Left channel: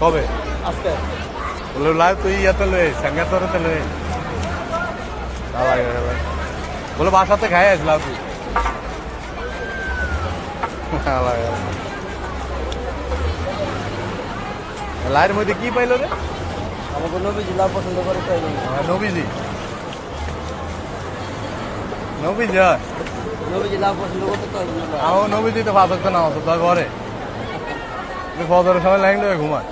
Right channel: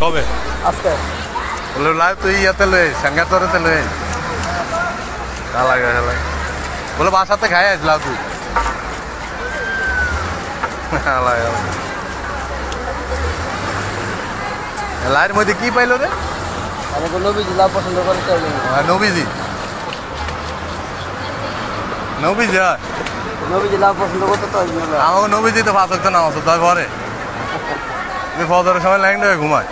কবে আজকে বলে লাইভ তুই ইয়াতে লয়ে সাঙ্গাতরেতে লয়ে লাগে বলে বাসাতে খাই আসলাম তুই লাইয়ের মধ্যে কি পাইলো রে নবীজি লাভ পছন্দ করে নবীজি নবীজি নবীজি লাভ পছন্দ করতে তো আমার নবীজি তো ফাঁস হতো না অত তার ঘরে ফজরের সময় লাইন হয়ে ঘুমায়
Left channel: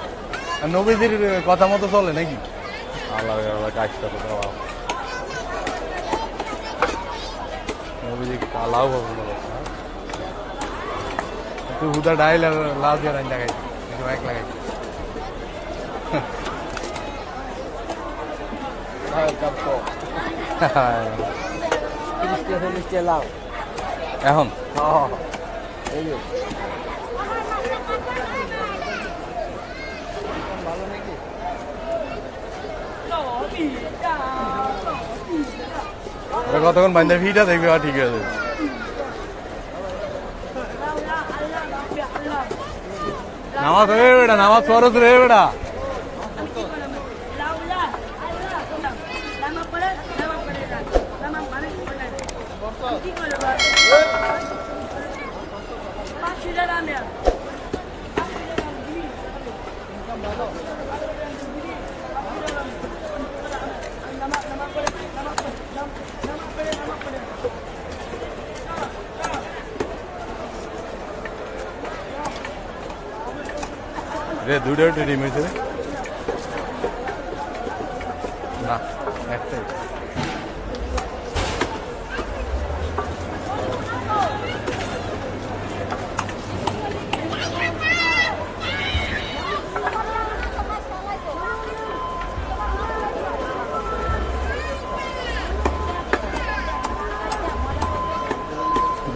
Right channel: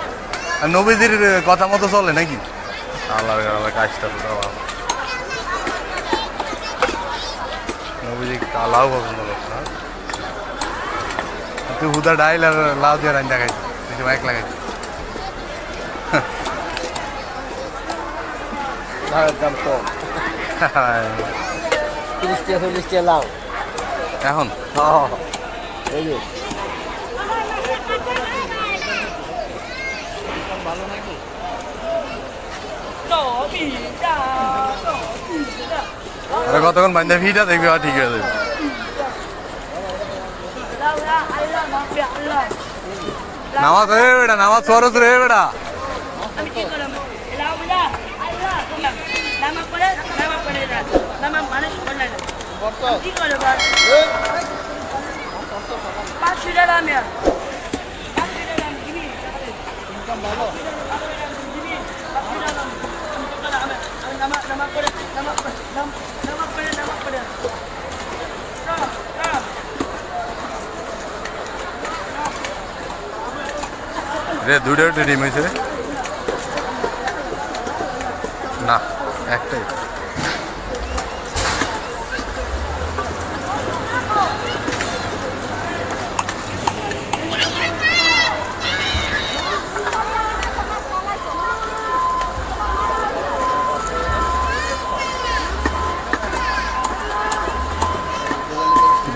আর নবীজির কথা মতো চলে নাকি আল্লাহ আল্লাহ কাজটা তো তাও নবীজি লাউ পছন্দ করতো না তুই হুদা ডাইল আর লাউ দিয়ে রান্না খাইছি বেশি বাইক লাগাইছি এখন আরে কতক্ষণ বান্ধব ভিটা দেখবি ঠিক হয়ে যাবে নামাজ রে বেটা নামাজ ফরজ রে বেটা রে দুটো ডিম হয়েছে রে না একটাই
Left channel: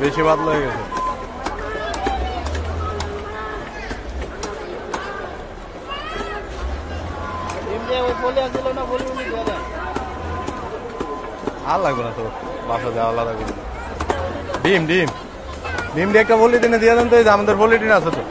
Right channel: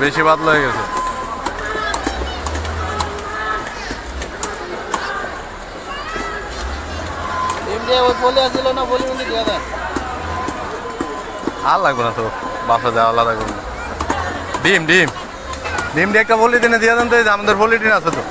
বেশি পাতলা হয়ে গেছে আর লাগবে না তো বাসা দেওয়া আলাদা করবে ডিম ডিম ডিম দিয়ে একটা পলিটিনে দিয়ে দেন তো আমাদের পলিটিন আছে তো